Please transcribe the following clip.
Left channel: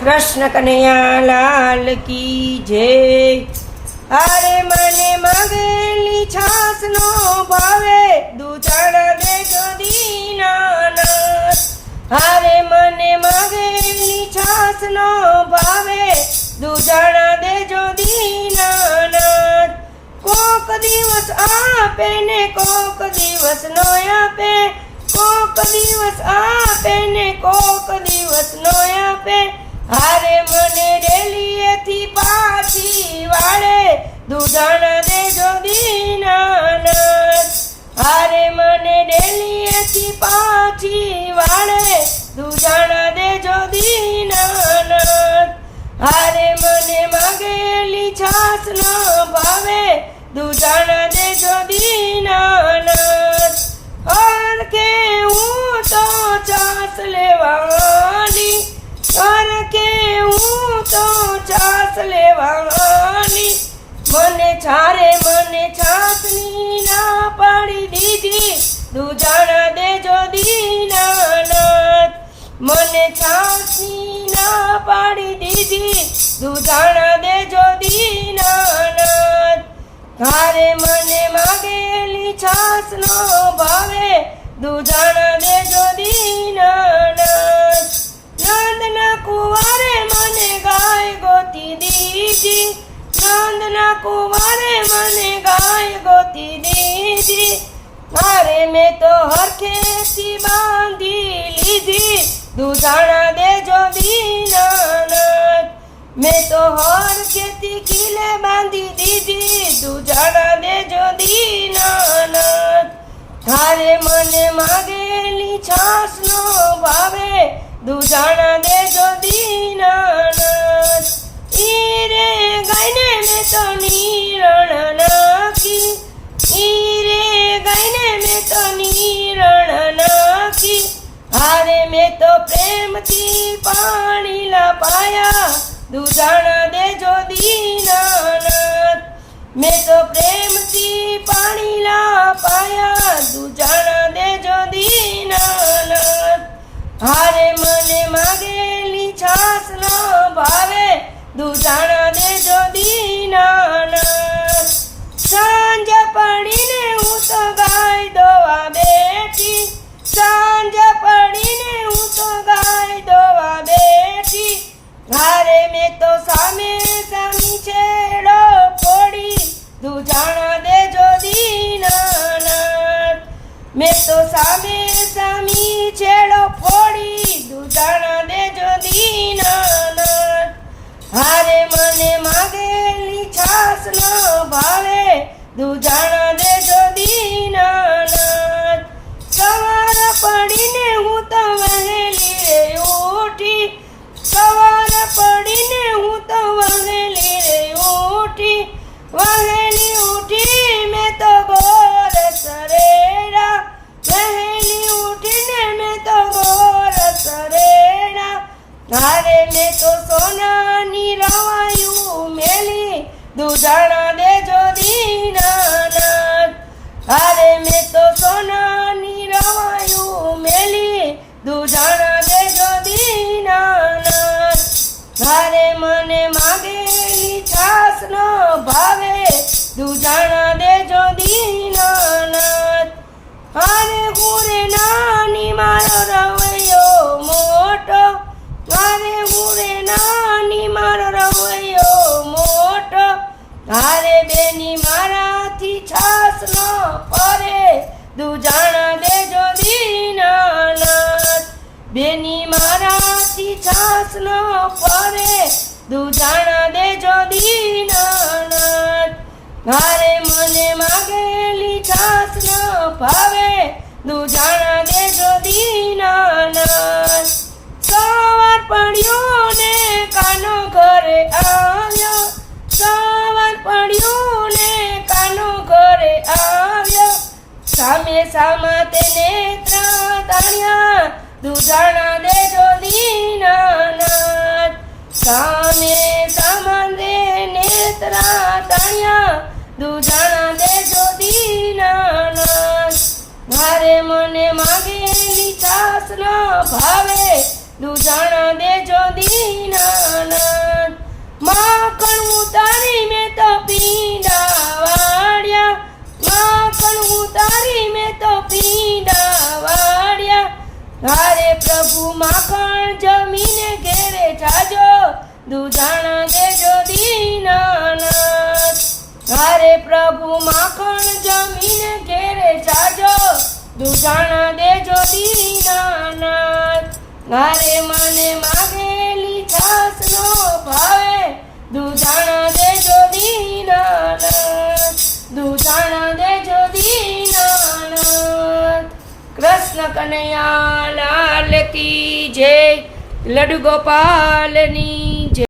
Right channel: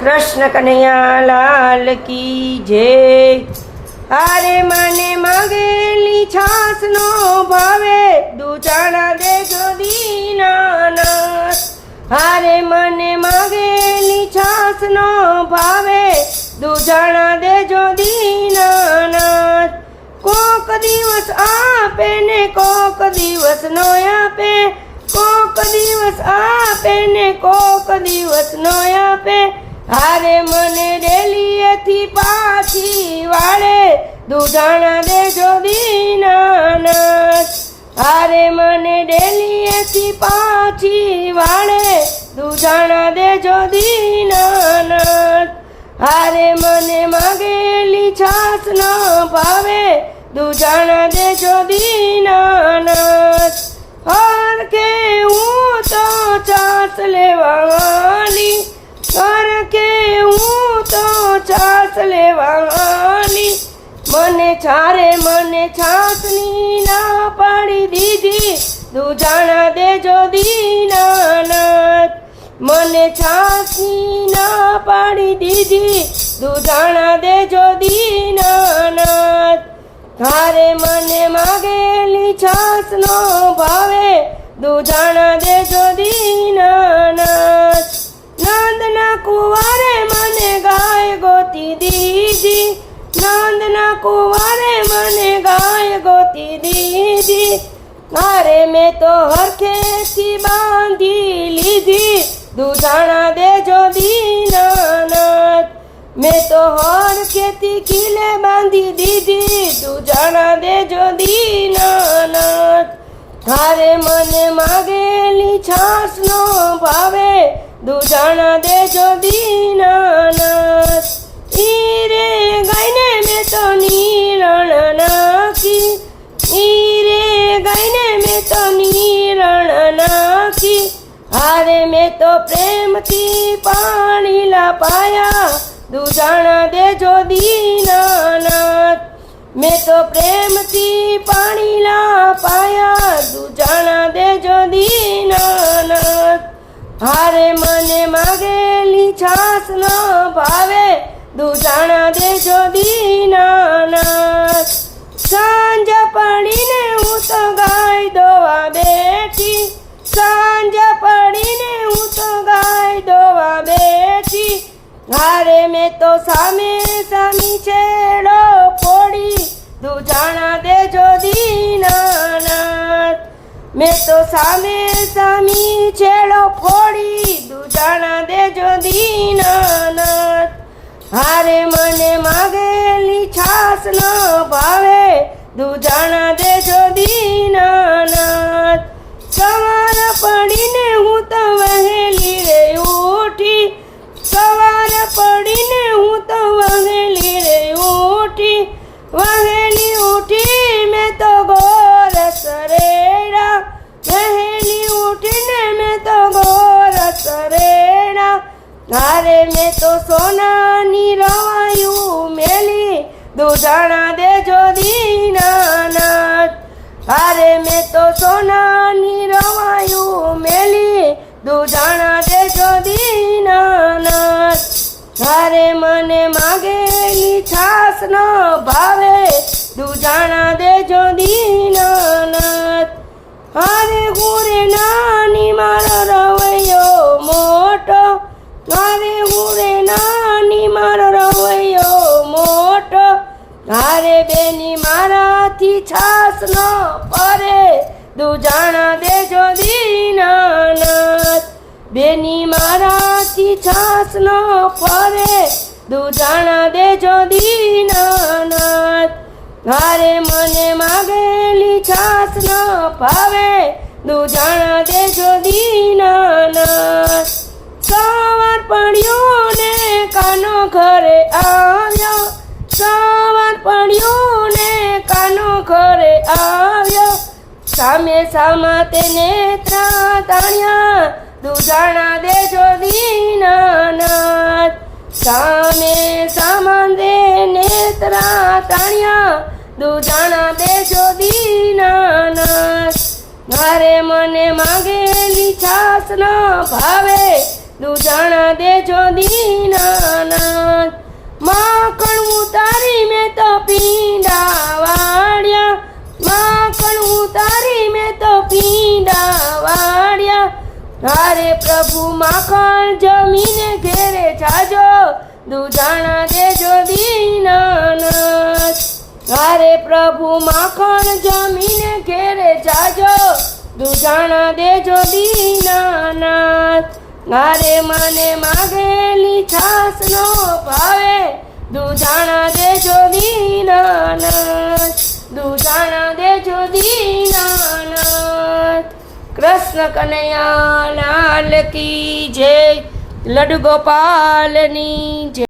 કૃષ્ણ કનૈયા લાલ કી જય. અરે મને માગેલી છાસ નો ભાવે, દૂધણ દેજો દીનાના અરે મને માગેલી છાસ નો ભાવે, દૂધણ દેજો દીનાનાથ. કોક દિવસ આપે ને કોક દિવસ નો આપે, કોક દિવસ આપે ને કોક દિવસ નો આપે. હારે મને રેલીએથી પાછી વાળે, દૂધણ દેજો દીનાનાથ. હારે મને ડેલીએથી પાછી વાળે, દૂધણ દેજો દીનાનાથ. હારે મને માગેલી છાસ ના ભાવે, દૂધણ દેજો દીનાનાથ. છાસ લેવાની મને છારે મને છાસની ના પાડી દીધી દૂધણ દેજો દીનાનાથ મને છાસની ના પાડી દીધી દૂધણ દેજો દીનાનાથ તારે મને માગેલી છાસ નો ભાવે દૂધણ દેજો દીનાનાથ કુવારે મને ગાય ગોતી દીધી મારે મેં તો હરખેથી બાંધી લીધી દૂધાણા દેજો દીનાનાથ મેં તો હરખેથી ખીલે બાંધી દીધી દૂધાણા દેજો દીનાનાથ તારે મને માગેલી છાસ નો ભાવે દૂધાણા દેજો દીનાનાથ મેં તો નીરણ નાખી. હારે મેં તો પ્રેમથી પાણી લાપાયા. દુજાણા દેજો દીનાનાથ. મેં તો પ્રેમથી પાણી લાપાયા. દુજાણા દેજો દીનાનાથ. હારે મને માગેલી છાસ ન ભાવે. દુજાણા દેજો દીનાનાથ. સાંજ પડીને હું તો સાંજ પડીને હું તો ગાય દોવા બેઠી. હારે મેં તો સામે સામી છેડો જાણા દૂધાણા દેજો દીનાનાથ મેં તો સામે સામી છેડો ફોડી. દૂધાણા દેજો દીનાનાથ હારે મને માગેલી છાસ ન ભાવે. તું દેજો વહેલી ઉઠી મેં તો ગોર કરેડા વહેલી ઉઠીને મેં તો ગોર કરેડા હારે મેં તો સોનાની રવાયું મેલી, દૂધાણા દેજો દીનાનાથ. હારે મેં તો સોનાની રવાયું મેલી, દૂધાણા દેજો દીનાનાથ. હારે મને નો ભાવે દૂધાણા દેજો દીનાનાથ. હારે ગુરે નાની, મારો રવૈયો મોટો. મારે ગુરે નાની, મારો રવૈયો મોટો. હારે બેની મારાથી છાસ ન પરે દૂજાણા દેજો દીનાનાથ. બેની મારાથી છાસ ન પરે દૂજાણા દેજો દીનાનાથ. મારે મને માગેલી છાસ ન ભાવે. દૂધાણા દેજો દીનાનાથ. સવાર પડ્યો ને કાનો ઘરે આવ્યો. સવાર પડ્યો ને કાનો ઘરે આવ્યો. સામે સામા તેને ત્રાતાણ્યા દૂધાણા દેજો દૂધણ દેજો બીનાના મારે મને માગેલી છાસ ના ભાવે. દૂધણ દેજો દીનાના માખણ ઉતારી મેં તો પીંડા વાળ્યા માખણ ઉતારી મેં તો પીંડા વાળ્યા હારે પ્રભુ માખણ જમીને ઘેરે જાજો. દૂધણ દેજો દીના પ્રભુ માખણ જમીને ઘેરે જાજો. દુજાણા દેજો દીનાનાથ. મારે મને માગેલી છાસ નો ભાવે. દુજાણા દેજો દીનાનાથ. દુજાણા દેજો દીનાનાથ. કૃષ્ણ કનૈયા લાલ કી જય. લડુ ગોપાલની જય.